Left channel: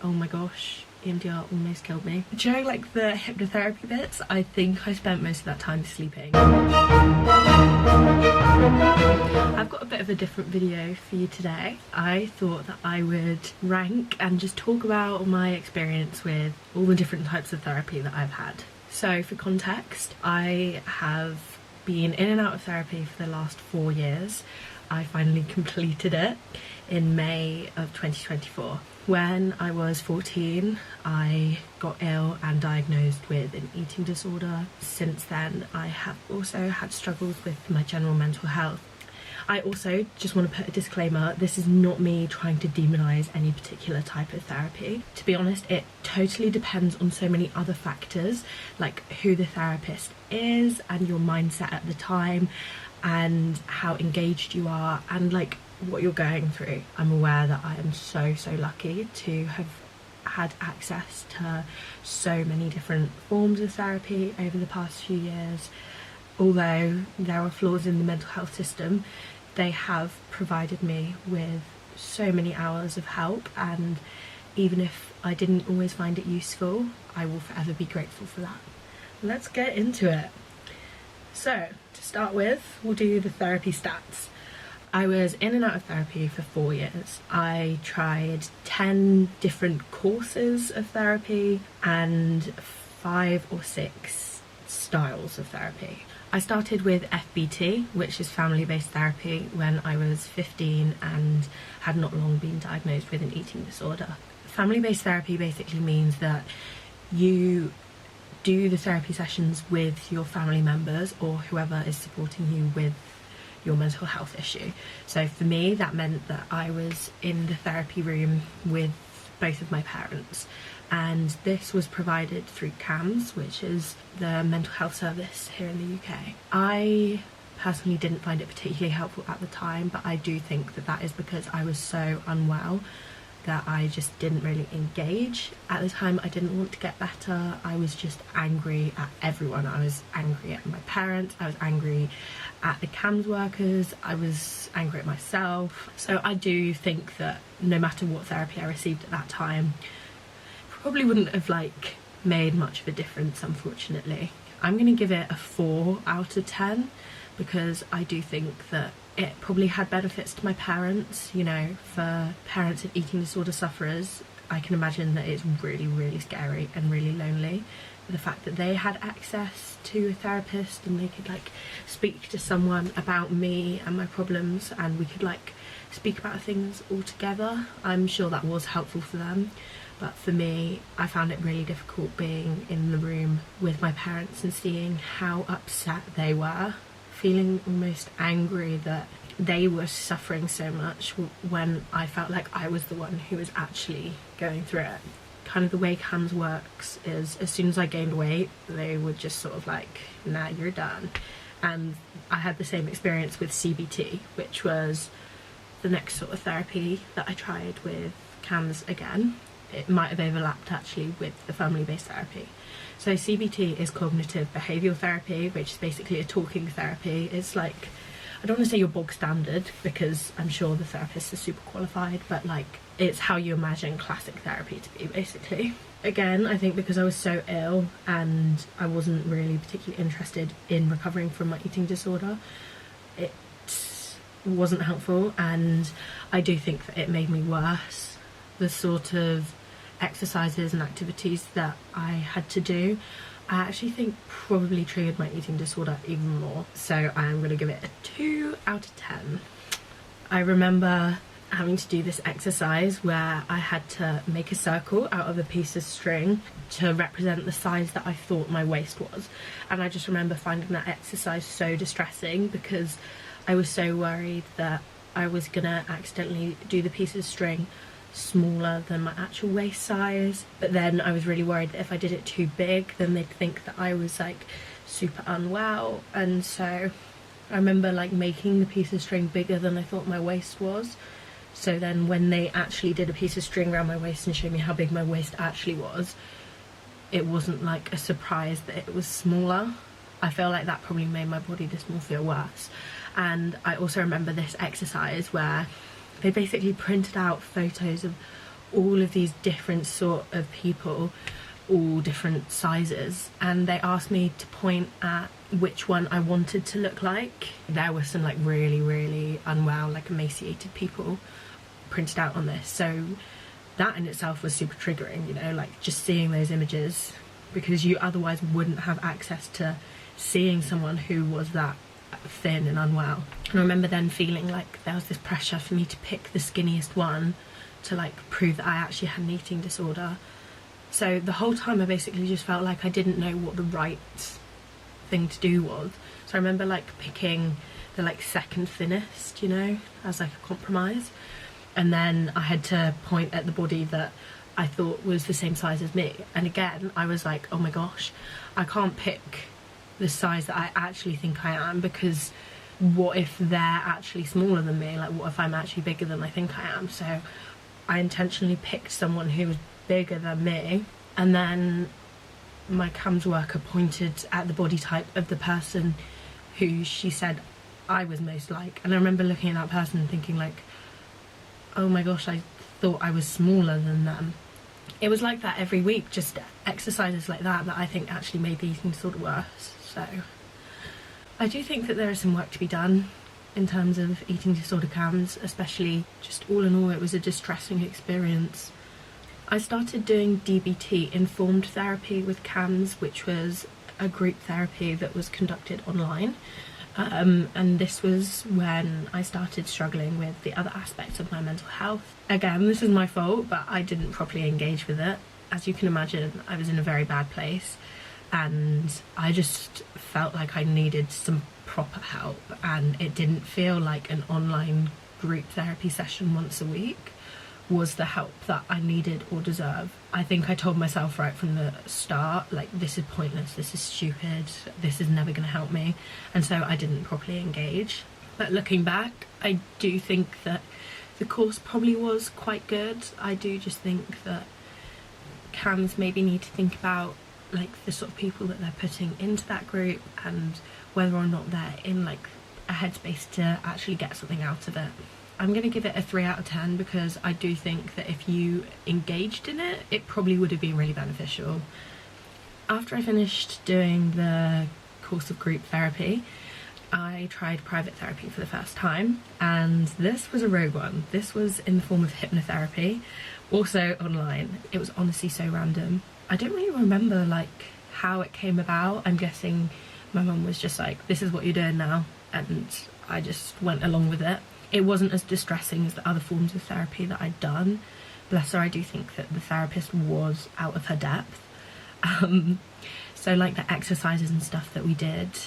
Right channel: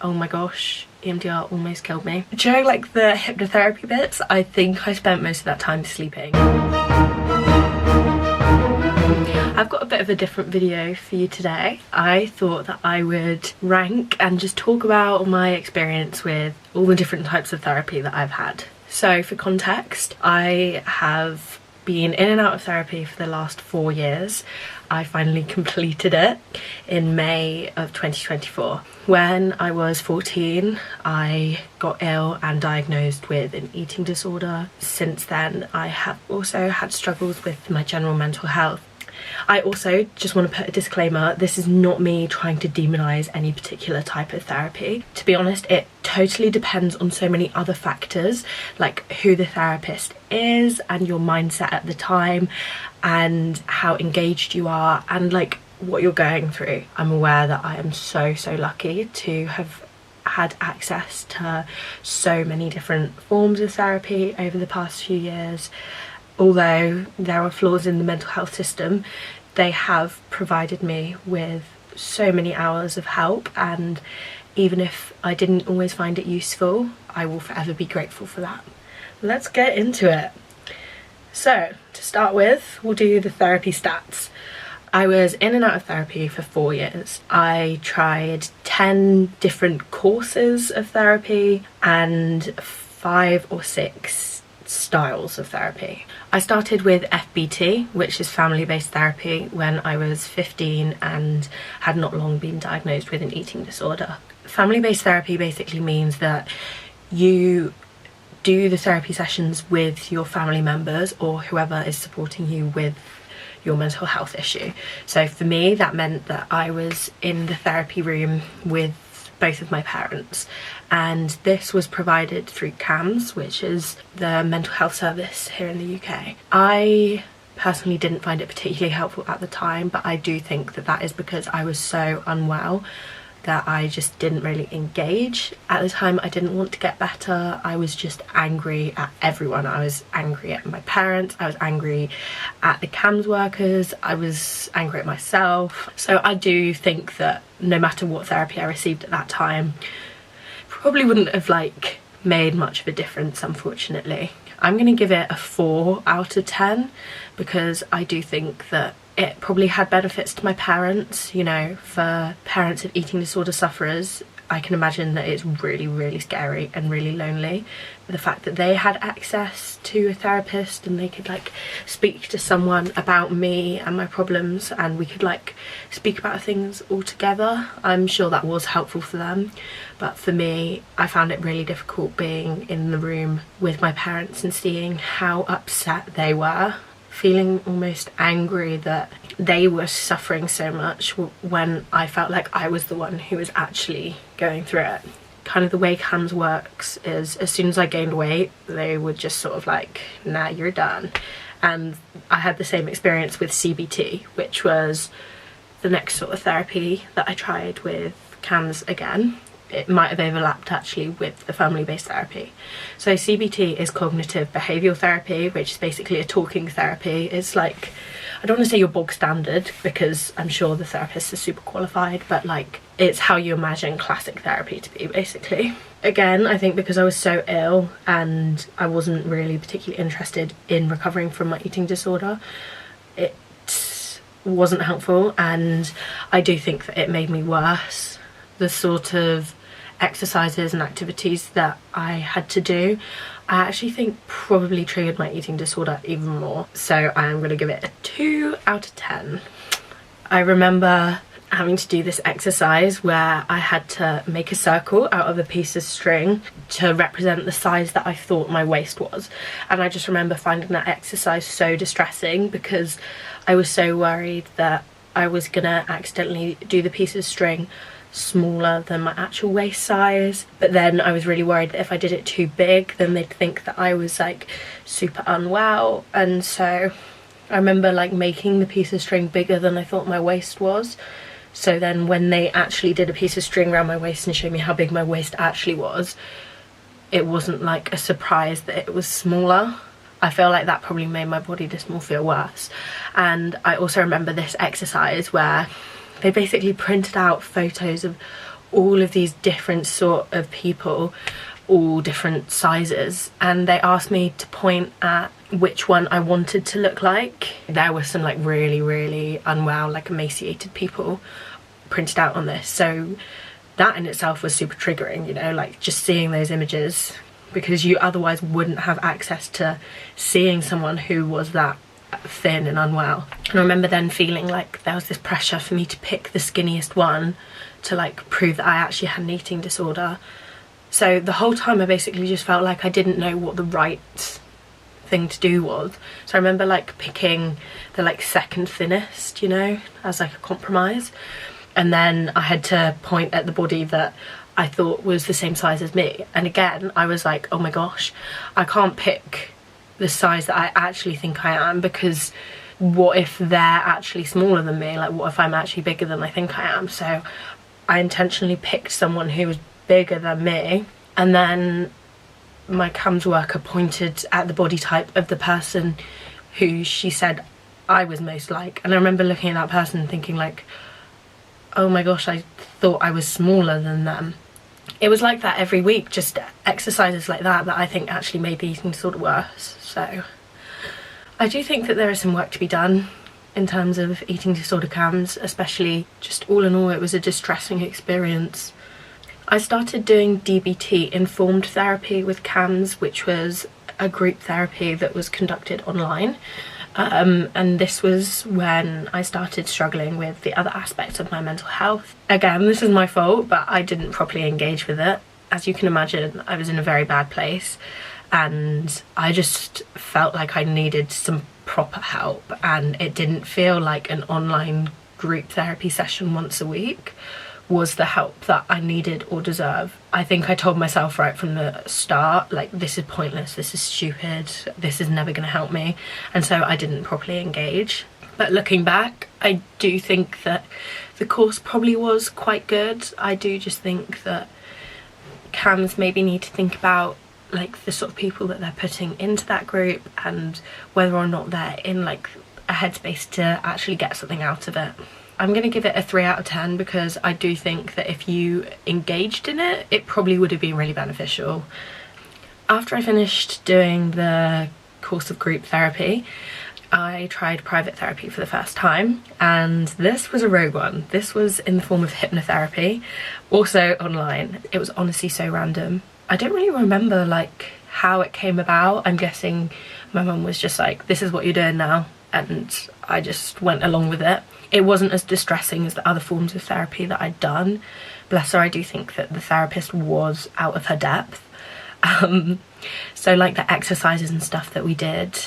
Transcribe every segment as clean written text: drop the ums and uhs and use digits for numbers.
Oh my gosh, EMDR almost killed me. During like the hypnotherapy bits, I think I spent most of that time sleeping. I've got a bit of a different video for you today. I thought that I would rank and just talk about my experience with all the different types of therapy that I've had. So for context, I have been in and out of therapy for the last 4 years. I finally completed it in May of 2024. When I was 14, I got ill and diagnosed with an eating disorder. Since then, I have also had struggles with my general mental health. I also just want to put a disclaimer, this is not me trying to demonize any particular type of therapy. To be honest, it totally depends on so many other factors, like who the therapist is and your mindset at the time and how engaged you are and like what you're going through. I'm aware that I am so lucky to have had access to so many different forms of therapy over the past few years. Although there are flaws in the mental health system, they have provided me with so many hours of help, and even if I didn't always find it useful, I will forever be grateful for that. Let's get into it. So, to start with, we'll do the therapy stats. I was in and out of therapy for 4 years. I tried 10 different courses of therapy and 5 or 6 styles of therapy. I started with FBT, which is family-based therapy, when I was 15 and had not long been diagnosed with an eating disorder. Family-based therapy basically means that you do the therapy sessions with your family members or whoever is supporting you with your mental health issue. So for me, that meant that I was in the therapy room with both of my parents, and this was provided through CAMS, which is the mental health service here in the UK. I personally didn't find it particularly helpful at the time, but I do think that that is because I was so unwell that I just didn't really engage. At the time, I didn't want to get better. I was just angry at everyone. I was angry at my parents, I was angry at the CAMS workers, I was angry at myself. So I do think that no matter what therapy I received at that time, probably wouldn't have like made much of a difference, unfortunately. I'm gonna give it a 4 out of 10 because I do think that it probably had benefits to my parents. You know, for parents of eating disorder sufferers, I can imagine that it's really scary and really lonely. The fact that they had access to a therapist and they could like speak to someone about me and my problems, and we could like speak about things all together, I'm sure that was helpful for them. But for me, I found it really difficult being in the room with my parents and seeing how upset they were, feeling almost angry that they were suffering so much when I felt like I was the one who was actually going through it. Kind of the way CAMS works is as soon as I gained weight, they would just sort of like, nah, you're done. And I had the same experience with CBT, which was the next sort of therapy that I tried with CAMS again. It might have overlapped actually with the family-based therapy. So CBT is cognitive behavioural therapy, which is basically a talking therapy. It's like, I don't want to say your bog standard because I'm sure the therapists are super qualified, but like it's how you imagine classic therapy to be, basically. Again, I think because I was so ill and I wasn't really particularly interested in recovering from my eating disorder, it wasn't helpful, and I do think that it made me worse. The sort of exercises and activities that I had to do, I actually think probably triggered my eating disorder even more. So I am going to give it a 2 out of 10. I remember having to do this exercise where I had to make a circle out of a piece of string to represent the size that I thought my waist was. And I just remember finding that exercise so distressing because I was so worried that I was gonna accidentally do the piece of string smaller than my actual waist size, but then I was really worried that if I did it too big then they'd think that I was like super unwell. And so I remember like making the piece of string bigger than I thought my waist was, so then when they actually did a piece of string around my waist and showed me how big my waist actually was, it wasn't like a surprise that it was smaller. I feel like that probably made my body dysmorphia feel worse. And I also remember this exercise where they basically printed out photos of all of these different sort of people, all different sizes, and they asked me to point at which one I wanted to look like. There were some like really unwell, like emaciated people printed out on this, so that in itself was super triggering, you know, like just seeing those images, because you otherwise wouldn't have access to seeing someone who was that thin and unwell. And I remember then feeling like there was this pressure for me to pick the skinniest one to like prove that I actually had an eating disorder. So the whole time I basically just felt like I didn't know what the right thing to do was. So I remember like picking the like second thinnest, you know, as like a compromise. And then I had to point at the body that I thought was the same size as me. And again, I was like, oh my gosh, I can't pick the size that I actually think I am, because what if they're actually smaller than me? Like, what if I'm actually bigger than I think I am? So I intentionally picked someone who was bigger than me, and then my CAMS worker pointed at the body type of the person who she said I was most like. And I remember looking at that person and thinking like, oh my gosh, I thought I was smaller than them. It was like that every week, just exercises like that I think actually made the eating disorder worse. So I do think that there is some work to be done in terms of eating disorder CAMS, especially just all in all it was a distressing experience. I started doing DBT, informed therapy with CAMS, which was a group therapy that was conducted online. And this was when I started struggling with the other aspects of my mental health. Again, this is my fault, but I didn't properly engage with it. As you can imagine, I was in a very bad place, and I just felt like I needed some proper help, and it didn't feel like an online group therapy session once a week was the help that I needed or deserved. I think I told myself right from the start, like, this is pointless, this is stupid, this is never gonna help me, and so I didn't properly engage. But looking back, I do think that the course probably was quite good. I do just think that CAMS maybe need to think about like the sort of people that they're putting into that group, and whether or not they're in like a headspace to actually get something out of it. I'm going to give it a 3 out of 10 because I do think that if you engaged in it, it probably would have been really beneficial. After I finished doing the course of group therapy, I tried private therapy for the first time, and this was a rogue one. This was in the form of hypnotherapy, also online. It was honestly so random. I don't really remember like how it came about. I'm guessing my mum was just like, this is what you're doing now, and I just went along with it. It wasn't as distressing as the other forms of therapy that I'd done. Bless her, I do think that the therapist was out of her depth. So like the exercises and stuff that we did,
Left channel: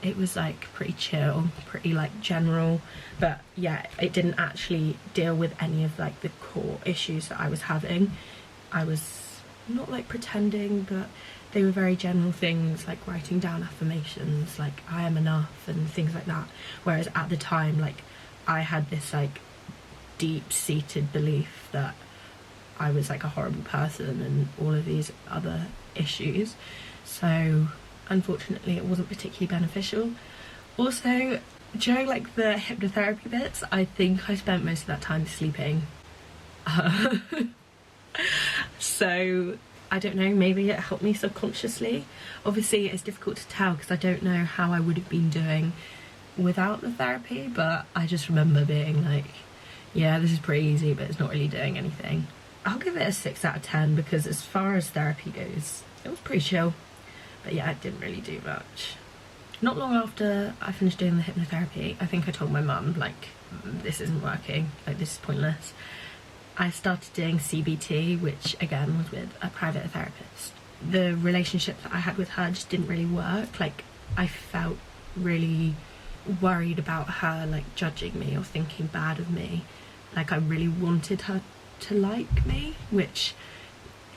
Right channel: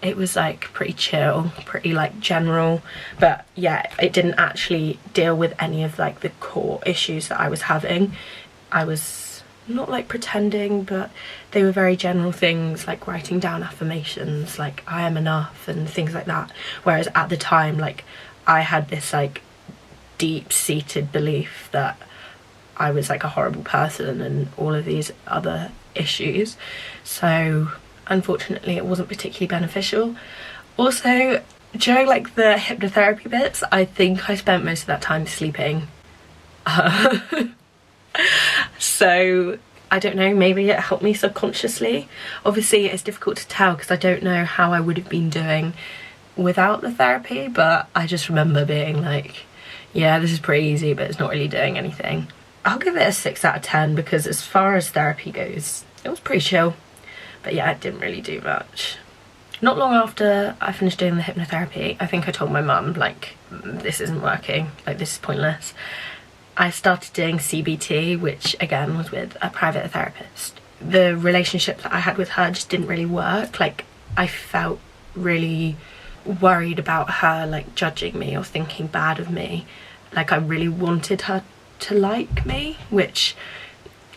it was like pretty chill, pretty like general, but yeah, it didn't actually deal with any of like the core issues that I was having. I was not like pretending, but they were very general things like writing down affirmations like I am enough and things like that, whereas at the time like I had this like deep-seated belief that I was like a horrible person and all of these other issues. So unfortunately it wasn't particularly beneficial. Also, during like the hypnotherapy bits, I think I spent most of that time sleeping. So I don't know, maybe it helped me subconsciously. Obviously it's difficult to tell because I don't know how I would have been doing without the therapy, but I just remember being like, yeah, this is pretty easy, but it's not really doing anything. I'll give it a 6 out of 10 because as far as therapy goes, it was pretty chill, but yeah, it didn't really do much. Not long after I finished doing the hypnotherapy, I think I told my mum like, this isn't working, like this is pointless. I started doing CBT, which again was with a private therapist. The relationship that I had with her just didn't really work. Like, I felt really worried about her like judging me or thinking bad of me. Like, I really wanted her to like me, which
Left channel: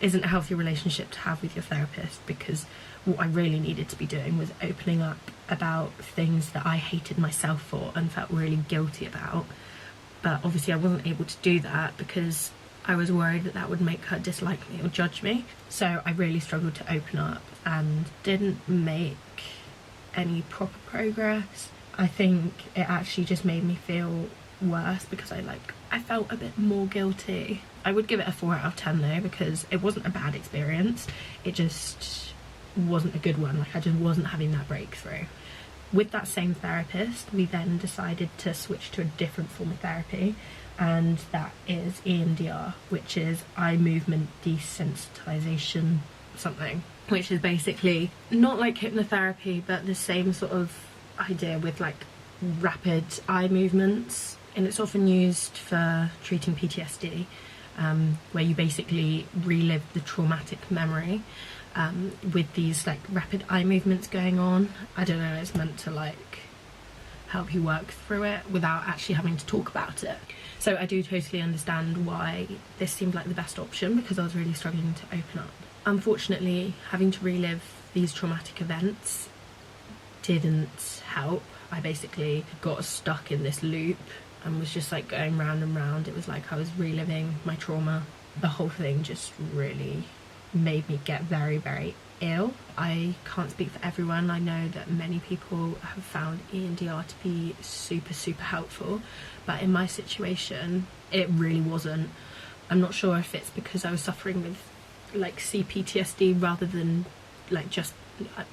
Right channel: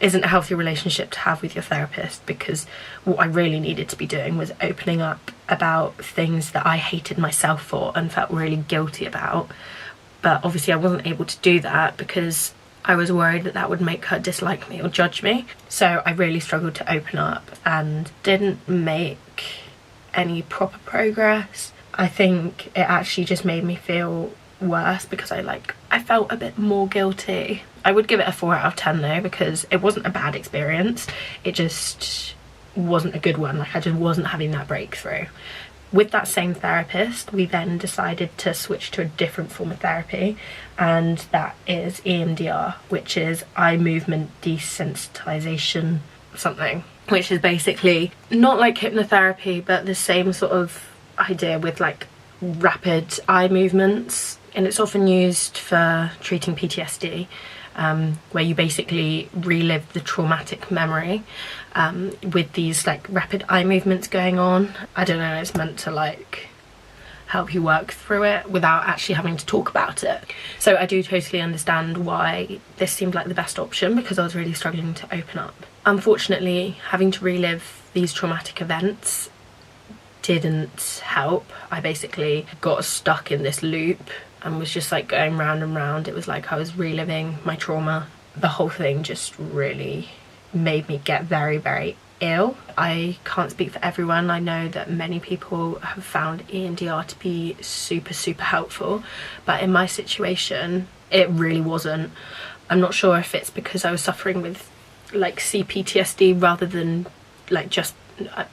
isn't a healthy relationship to have with your therapist, because what I really needed to be doing was opening up about things that I hated myself for and felt really guilty about. But obviously I wasn't able to do that because I was worried that that would make her dislike me or judge me. So I really struggled to open up and didn't make any proper progress. I think it actually just made me feel worse because I felt a bit more guilty. I would give it a 4 out of 10 though, because it wasn't a bad experience, it just wasn't a good one. Like, I just wasn't having that breakthrough. With that same therapist, we then decided to switch to a different form of therapy, and that is EMDR, which is eye movement desensitization something, which is basically not like hypnotherapy, but the same sort of idea with like rapid eye movements, and it's often used for treating PTSD, where you basically relive the traumatic memory with these like rapid eye movements going on. I don't know, it's meant to like help you work through it without actually having to talk about it. So I do totally understand why this seemed like the best option, because I was really struggling to open up. Unfortunately, having to relive these traumatic events didn't help. I basically got stuck in this loop and was just like going round and round. It was like I was reliving my trauma. The whole thing just really made me get very, very ill. I can't speak for everyone. I know that many people have found EMDR to be super, super helpful, but in my situation, it really wasn't. I'm not sure if it's because I was suffering with like CPTSD rather than like just,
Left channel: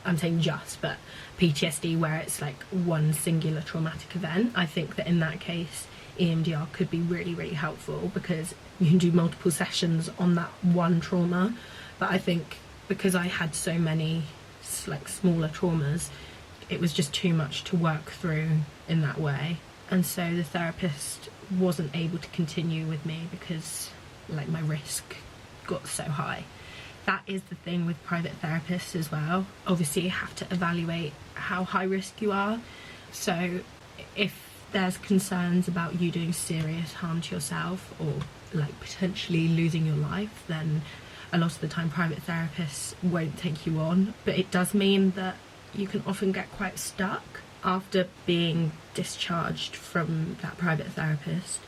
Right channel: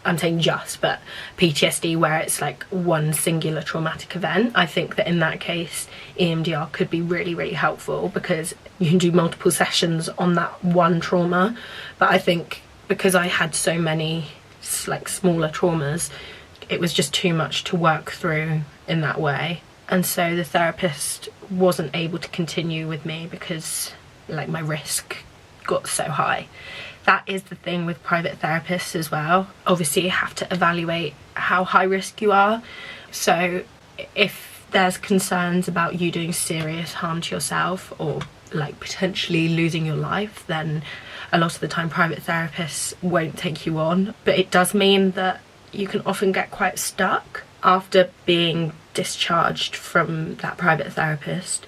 I'm saying just, but PTSD, where it's like one singular traumatic event. I think that in that case, EMDR could be really, really helpful, because you can do multiple sessions on that one trauma. But I think because I had so many like smaller traumas, it was just too much to work through in that way. And so the therapist wasn't able to continue with me because like my risk got so high. That is the thing with private therapists as well. Obviously you have to evaluate how high risk you are. So if there's concerns about you doing serious harm to yourself or like potentially losing your life, then a lot of the time private therapists won't take you on. But it does mean that you can often get quite stuck. After being discharged from that private therapist,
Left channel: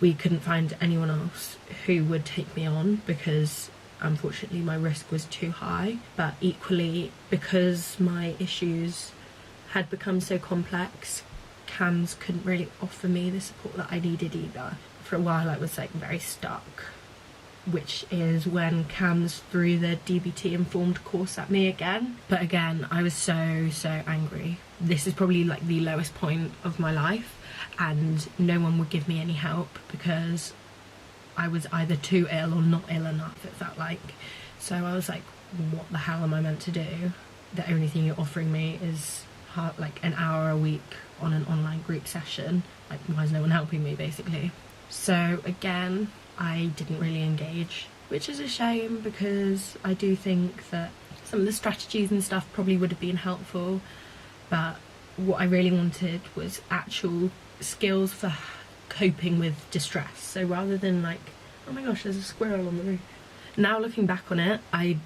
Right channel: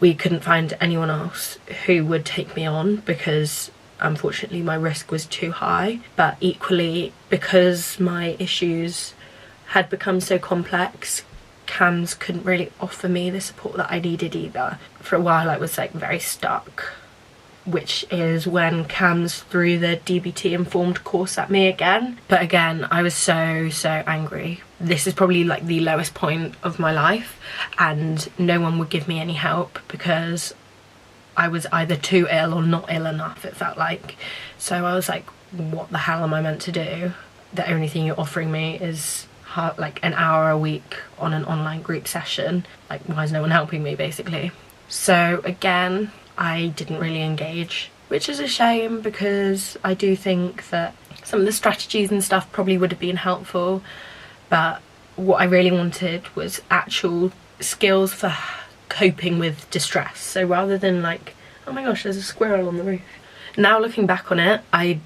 we couldn't find anyone else who would take me on, because unfortunately my risk was too high. But equally, because my issues had become so complex, CAMHS couldn't really offer me the support that I needed either. For a while I was like very stuck, which is when CAMHS threw the DBT informed course at me again. But again, I was so angry. This is probably like the lowest point of my life, and no one would give me any help because I was either too ill or not ill enough, it felt like. So I was like, what the hell am I meant to do? The only thing you're offering me is like an hour a week on an online group session. Like, why is no one helping me, basically? So again, I didn't really engage, which is a shame, because I do think that some of the strategies and stuff probably would have been helpful, but what I really wanted was actual skills for coping with distress. So rather than like, oh my gosh, there's a squirrel on the roof. Now looking back on it, I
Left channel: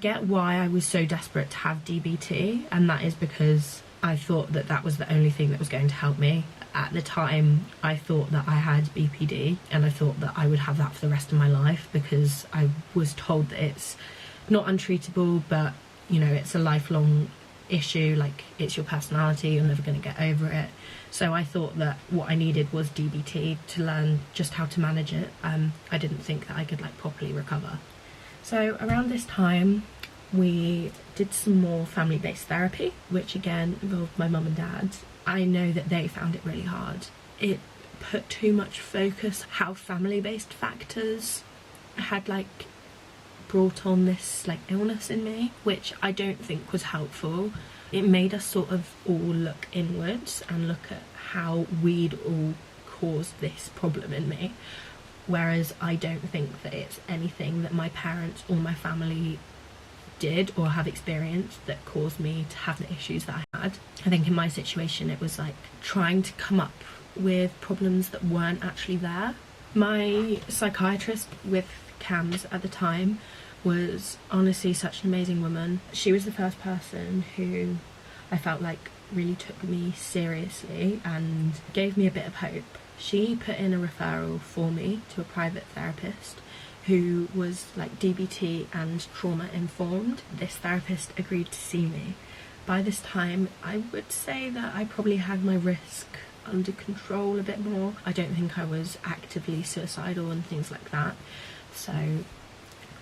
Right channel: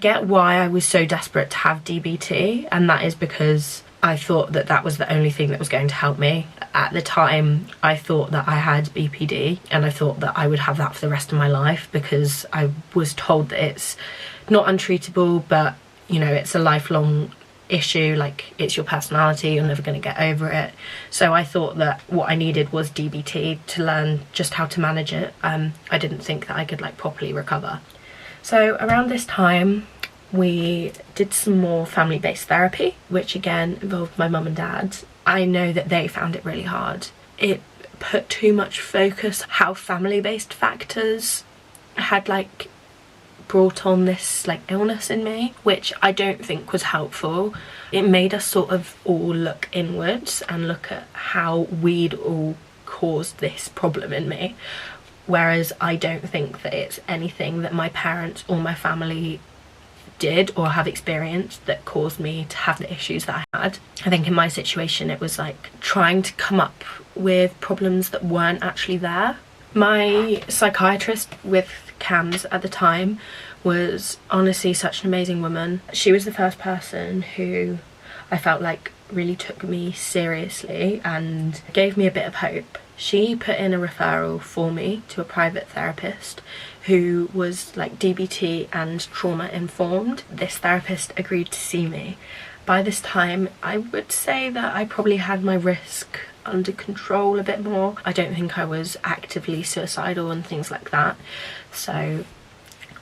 get why I was so desperate to have DBT, and that is because I thought that that was the only thing that was going to help me. At the time, I thought that I had BPD, and I thought that I would have that for the rest of my life, because I was told that it's not untreatable, but you know, it's a lifelong issue, like it's your personality, you're never going to get over it. So I thought that what I needed was DBT to learn just how to manage it. I didn't think that I could like properly recover. So around this time we did some more family-based therapy, which again involved my mum and dad. I know that they found it really hard. It put too much focus how family-based factors had like brought on this like illness in me, which I don't think was helpful. It made us sort of all look inwards and look at how we'd all caused this problem in me, whereas I don't think that it's anything that my parents or my family did or have experienced that caused me to have the issues that I had. I think in my situation it was like trying to come up with problems that weren't actually there. My psychiatrist with CAMHS at the time was honestly such an amazing woman. She was the first person who I felt like really took me seriously and gave me a bit of hope. She put in a referral for me to a private therapist who was like DBT and trauma informed. This therapist agreed to see me. By this time, I would say that I probably had my risk under control a bit more. I don't think I was actively suicidal and things like that. So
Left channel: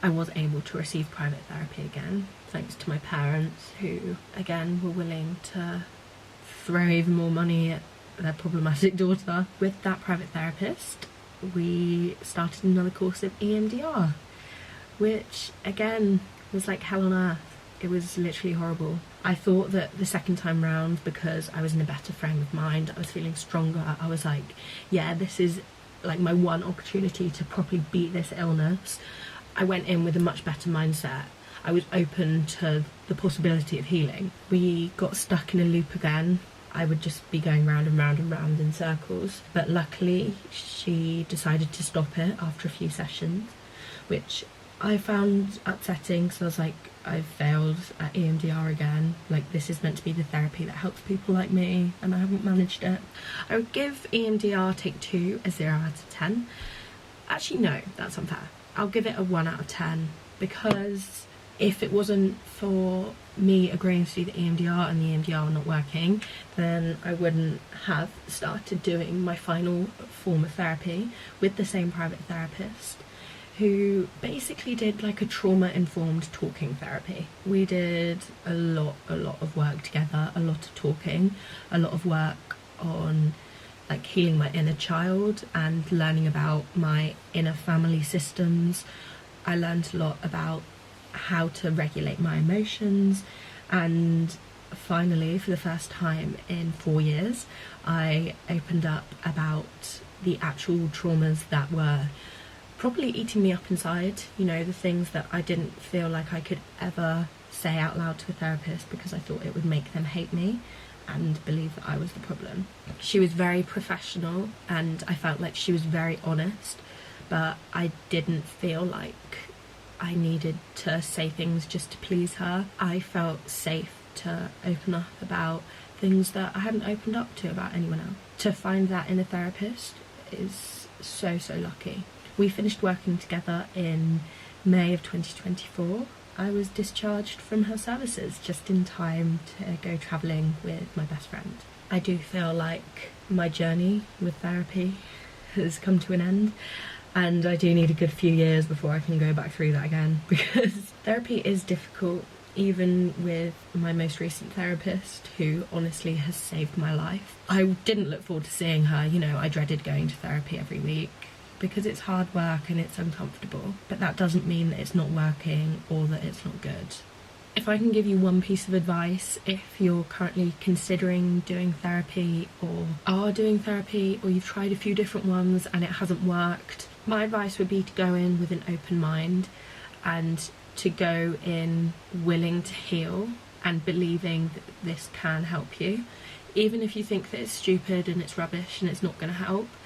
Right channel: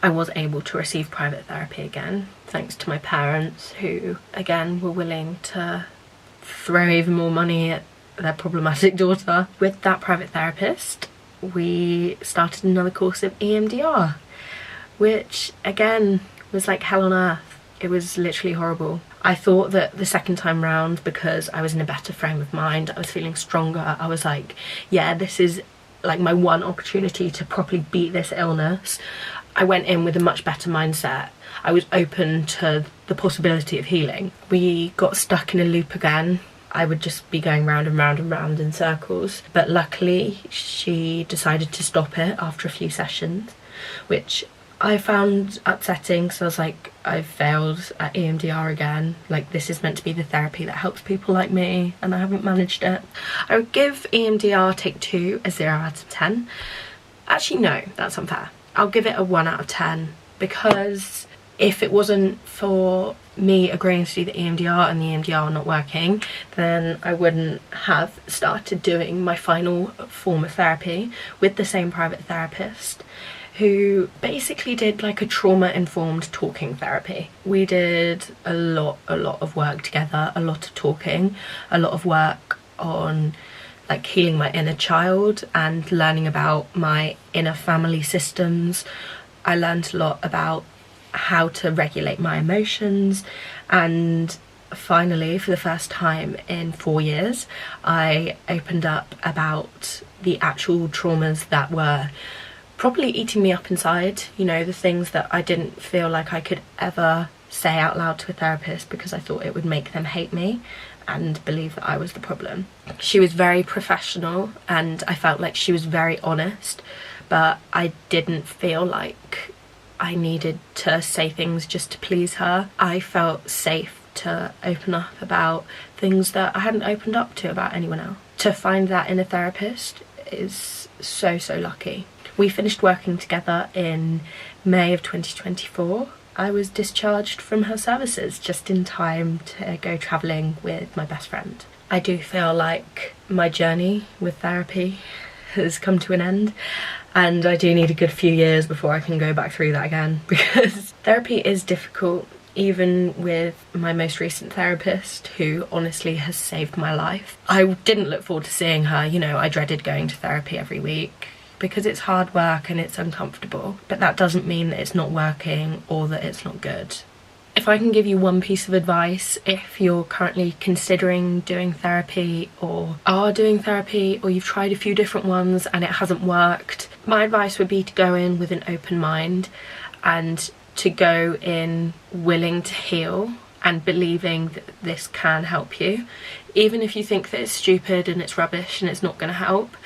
I was able to receive private therapy again, thanks to my parents, who again were willing to throw even more money at their problematic daughter. With that private therapist, we started another course of EMDR, which again was like hell on earth. It was literally horrible. I thought that the second time round, because I was in a better frame of mind, I was feeling stronger, I was like, yeah, this is like my one opportunity to properly beat this illness. I went in with a much better mindset. I was open to the possibility of healing. We got stuck in a loop again. I would just be going round and round and round in circles. But luckily, she decided to stop it after a few sessions, which I found upsetting. So I was like, I've failed at EMDR again. Like, this is meant to be the therapy that helps people like me, and I haven't managed it. I would give EMDR Take 2 a 0 out of 10. Actually, no, that's unfair. I'll give it a 1 out of 10, because if it wasn't for me agreeing to do the EMDR and the EMDR not working, then I wouldn't have started doing my final form of therapy with the same private therapist, who basically did like a trauma-informed talking therapy. We did a lot of work together, a lot of talking, a lot of work on like healing my inner child and learning about my inner family systems. I learned a lot about how to regulate my emotions, and finally, for the first time in 4 years, I opened up about the actual traumas that were probably eating me up inside, you know, the things that I didn't feel like I could ever say out loud to a therapist because I thought it would make them hate me and believe that I was the problem. She was very professional and I felt like she was very honest, but I didn't feel like I needed to say things just to please her. I felt safe to open up about things that I hadn't opened up to about anyone else. To find that in a therapist is so lucky. We finished working together in May of 2024. I was discharged from her services just in time to go travelling with my best friend. I do feel like my journey with therapy has come to an end, and I do need a good few years before I can go back through that again, because therapy is difficult, even with my most recent therapist, who honestly has saved my life. I didn't look forward to seeing her, you know, I dreaded going to therapy every week because it's hard work and it's uncomfortable, but that doesn't mean that it's not working or that it's not good. If I can give you one piece of advice, if you're currently considering doing therapy or are doing therapy, or you've tried a few different ones and it hasn't worked, my advice would be to go in with an open mind and to go in willing to heal and believing that this can help you. Even if you think that it's stupid and it's rubbish and it's not going to help,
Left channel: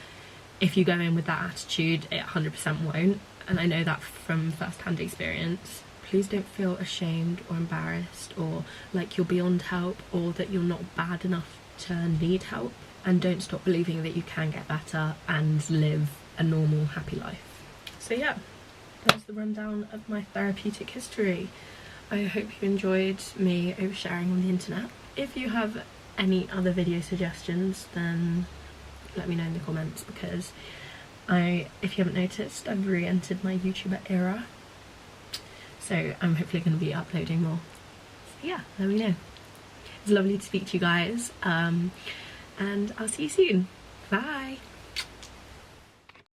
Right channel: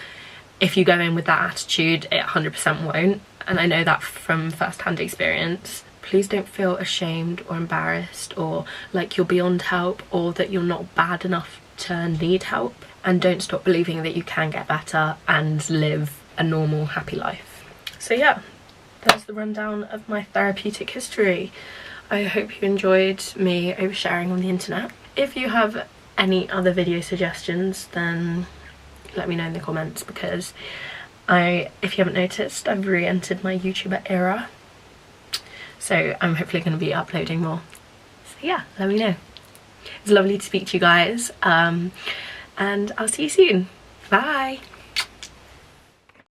if you go in with that attitude, it 100% won't. And I know that from first-hand experience. Please don't feel ashamed or embarrassed or like you're beyond help or that you're not bad enough to need help. And don't stop believing that you can get better and live a normal, happy life. So yeah, that's the rundown of my therapeutic history. I hope you enjoyed me oversharing on the internet. If you have any other video suggestions, then let me know in the comments, because if you haven't noticed, I've re-entered my YouTuber era. So I'm hopefully going to be uploading more. So yeah, let me know. It's lovely to speak to you guys, and I'll see you soon. Bye!